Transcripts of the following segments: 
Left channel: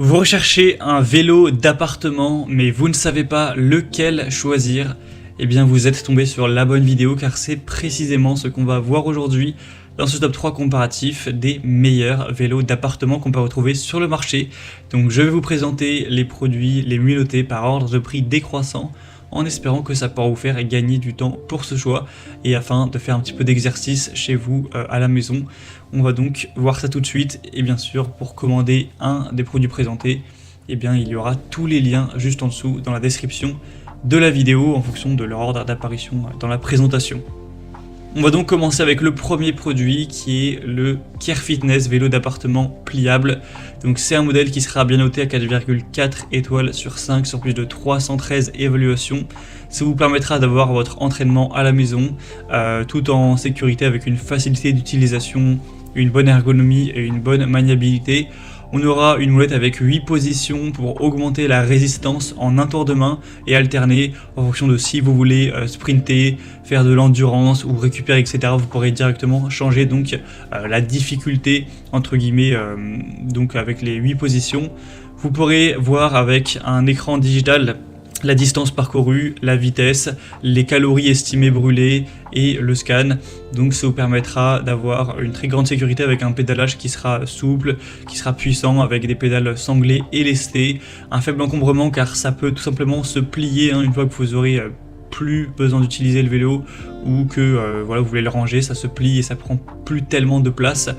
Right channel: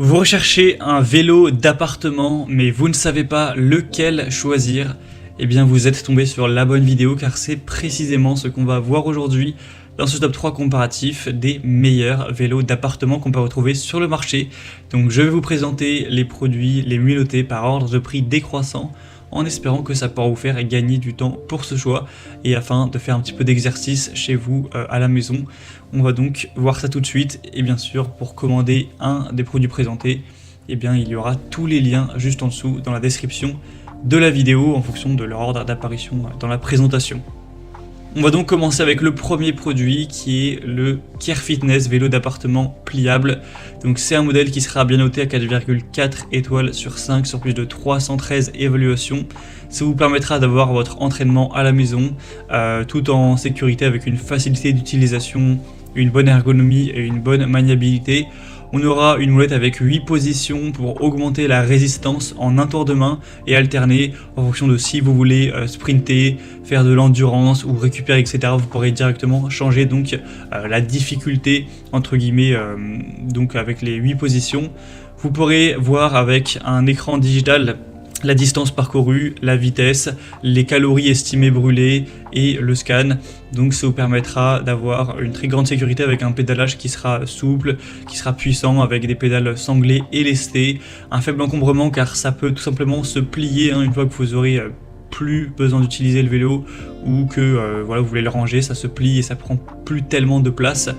Vous recherchez un vélo d'appartement, mais vous ne savez pas lequel choisir. Eh bien, vous êtes tombé sur la bonne vidéo car c'est précisément ce qu'on va voir aujourd'hui dans ce top 3 comparatif des meilleurs vélos d'appartement qu'on peut retrouver sur le marché. Donc, je vais vous présenter les produits, les mieux notés par ordre de prix décroissant en espérant que ça pourra vous faire gagner du temps pour ce choix et afin de faire un petit peu d'exercice chez vous à la maison. On va donc voir ça tout de suite et bien sûr pour commander un des produits présentés, eh bien il y aura tous les liens juste en dessous dans la description de la vidéo en fonction de leur ordre d'apparition dans la présentation. On va donc commencer avec le premier produit qui est le Care Fitness vélo d'appartement pliable. Donc c'est un modèle qui sera bien noté à 4,4 étoiles sur 5 sur plus de 313 évaluations. Ça vous permettra d'avoir votre entraînement à la maison tout en sécurité avec une facilité d'utilisation, une bonne ergonomie et une bonne maniabilité. On aura une moulette avec 8 positions pour augmenter la résistance en un tour de main et alterner en fonction de si vous voulez sprinter, faire de l'endurance ou récupérer, etc. Vous pourrez directement changer donc la difficulté entre guillemets donc avec les 8 positions. Vous pourrez voir avec un écran digital la distance parcourue, la vitesse, les calories estimées brûlées et le scan. Donc ça vous permettra d'avoir une très grande sécurité avec un pédalage qui sera souple, qui sera puissant avec des pédales sanglées et lestées. Un faible encombrement car ça peut tout simplement se plier une fois que vous aurez plus besoin d'utiliser le vélo ou que voilà, vous voulez le ranger, ça se plie et ça prend plus tellement de place.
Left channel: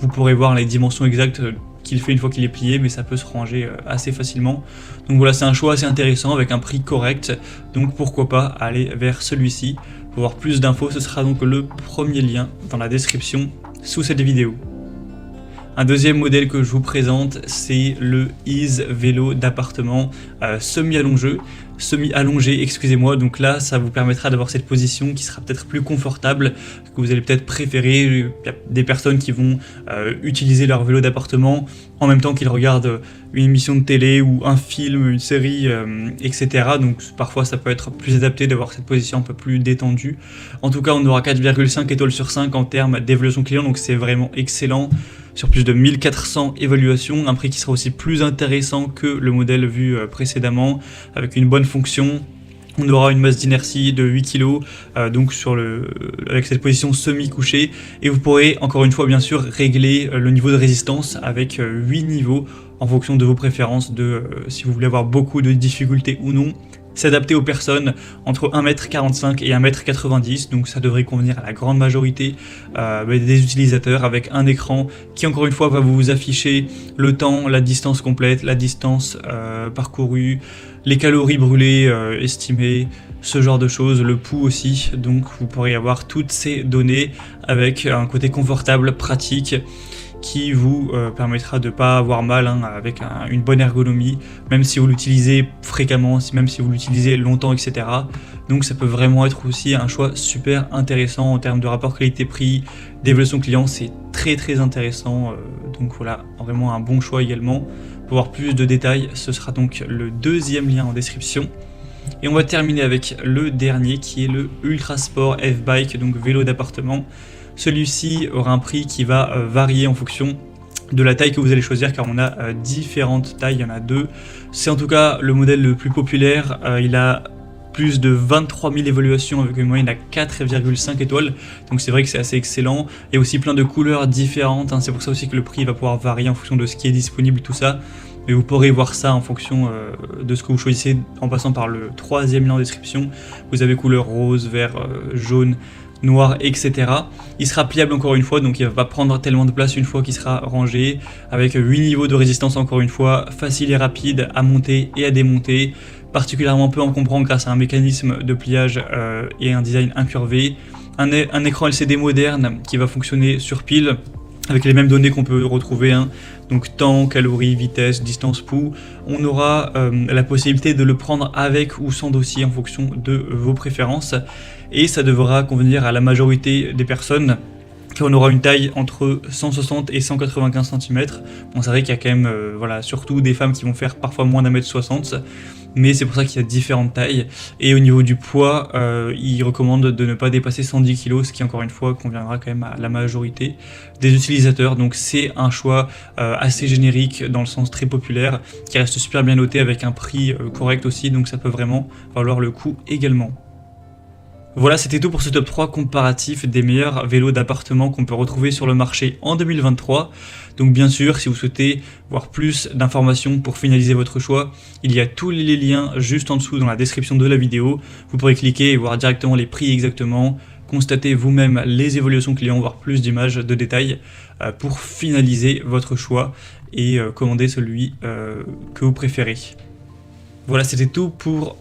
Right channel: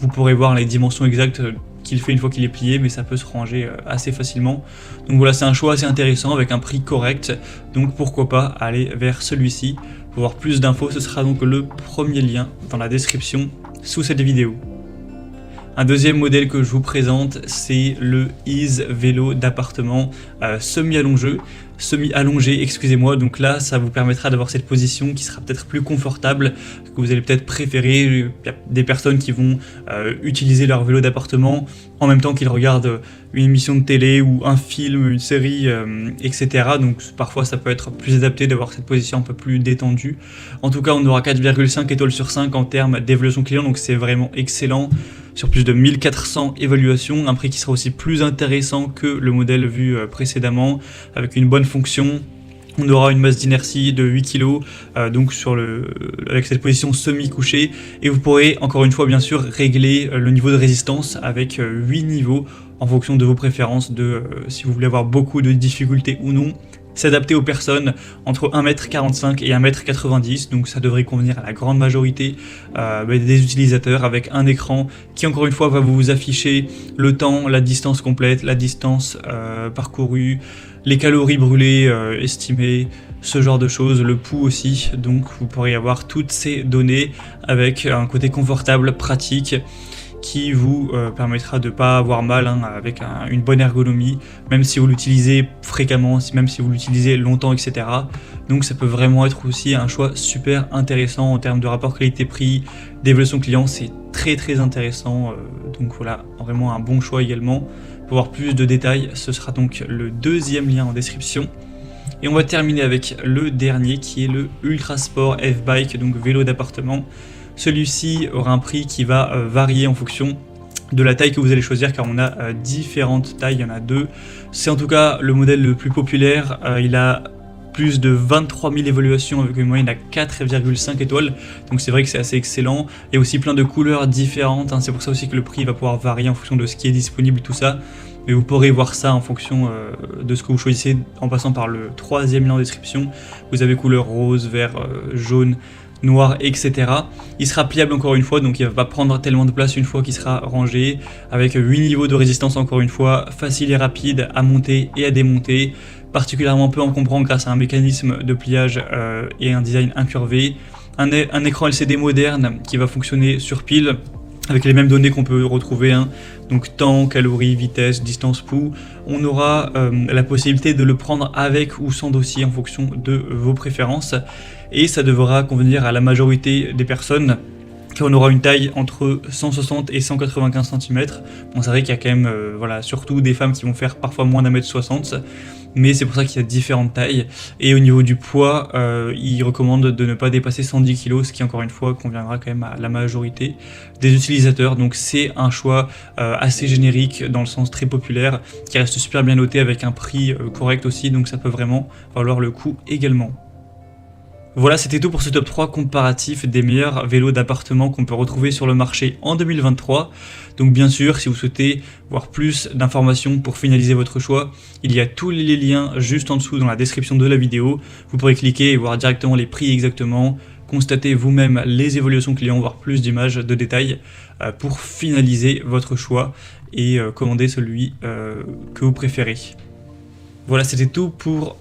Vous pourrez voir les dimensions exactes qu'il faut une fois qu'il est plié, mais ça peut se ranger assez facilement. Donc voilà, c'est un choix assez intéressant avec un prix correct. Donc pourquoi pas aller vers celui-ci. Pour voir plus d'infos, ce sera donc le premier lien dans la description sous cette vidéo. Un deuxième modèle que je vous présente, c'est le Ease vélo d'appartement semi-allongé, excusez-moi. Donc là, ça vous permettra d'avoir cette position qui sera peut-être plus confortable, que vous allez peut-être préférer. Il y a des personnes qui vont utiliser leur vélo d'appartement en même temps qu'ils regardent une émission de télé ou un film, une série, etc. Donc parfois ça peut être plus adapté d'avoir cette position un peu plus détendue. En tout cas, on aura 4,5 étoiles sur 5 en termes d'évaluation client, donc c'est vraiment excellent. Sur plus de 1400 évaluations, un prix qui sera aussi plus intéressant que le modèle vu précédemment, avec une bonne fonction. On aura une masse d'inertie de 8 kg, donc avec cette position semi-couchée. Et vous pourrez, encore une fois, bien sûr, régler le niveau de résistance avec 8 niveaux en fonction de vos préférences, si vous voulez avoir beaucoup de difficultés ou non. S'adapter aux personnes entre 1m45 et 1m90, donc ça devrait convenir à la grande majorité des utilisateurs, avec un écran qui encore une fois va vous afficher le temps, la distance complète, la distance parcourue, les calories brûlées estimées, ce genre de choses, le pouls aussi. Donc vous pourrez avoir toutes ces données avec un côté confortable, pratique, qui vous permettra de pas avoir mal avec une bonne ergonomie, même si vous l'utilisez fréquemment, même si vous l'utilisez longtemps, etc. Donc ça peut vraiment être aussi un choix super intéressant en termes de rapport qualité-prix, d'évaluation client, c'est très intéressant. Donc voilà, vraiment un bon choix également. Pour voir plus de détails, ce sera donc le deuxième lien en description. Et on va terminer avec le dernier qui est le Ultra Sport F-Bike, donc vélo d'appartement. Celui-ci aura un prix qui va varier en fonction de la taille que vous allez choisir, car on a différentes tailles, il y en a deux. C'est en tout cas le modèle le plus populaire, il a plus de 23 000 évaluations avec une moyenne à 4,5 étoiles, donc c'est vrai que c'est assez excellent. Il y a aussi plein de couleurs différentes, c'est pour ça aussi que le prix va pouvoir varier en fonction de ce qui est disponible et tout ça. Mais vous pourrez voir ça en fonction de ce que vous choisissez en passant par le troisième lien en description. Vous avez couleur rose, vert, jaune, noir, etc. Il sera pliable encore une fois, donc il va pas prendre tellement de place une fois qu'il sera rangé, avec 8 niveaux de résistance encore une fois, facile et rapide à monter et à démonter, particulièrement peu encombrant grâce à un mécanisme de pliage et un design incurvé, un écran LCD moderne qui va fonctionner sur pile, avec les mêmes données qu'on peut retrouver, donc temps, calories, vitesse, distance, pouls. On aura la possibilité de le prendre avec ou sans dossier en fonction de vos préférences, et ça devra convenir à la majorité des personnes. qu'on aura une taille entre 160 et 195 cm. Bon, c'est vrai qu'il y a quand même, voilà, surtout des femmes qui vont faire parfois moins d'1m60, mais c'est pour ça qu'il y a différentes tailles. Et au niveau du poids, il recommande de ne pas dépasser 110 kg, ce qui encore une fois conviendra quand même à la majorité des utilisateurs. Donc c'est un choix assez générique, dans le sens très populaire, qui reste super bien noté avec un prix correct aussi, donc ça peut vraiment valoir le coup également. Voilà, c'était tout pour ce top 3 comparatif des meilleurs vélos d'appartement qu'on peut retrouver sur le marché en 2023. Donc bien sûr, si vous souhaitez voir plus d'informations pour finaliser votre choix, il y a tous les liens juste en dessous dans la description de la vidéo. Vous pourrez cliquer et voir directement les prix exactement, constater vous-même les évolutions clients, voir plus d'images, de détails pour finaliser votre choix et commander celui que vous préférez. Voilà, c'était tout pour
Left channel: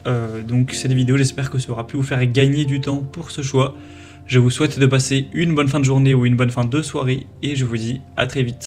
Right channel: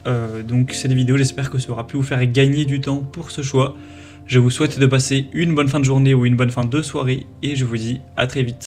donc cette vidéo. J'espère que ça aura pu vous faire gagner du temps pour ce choix. Je vous souhaite de passer une bonne fin de journée ou une bonne fin de soirée et je vous dis à très vite.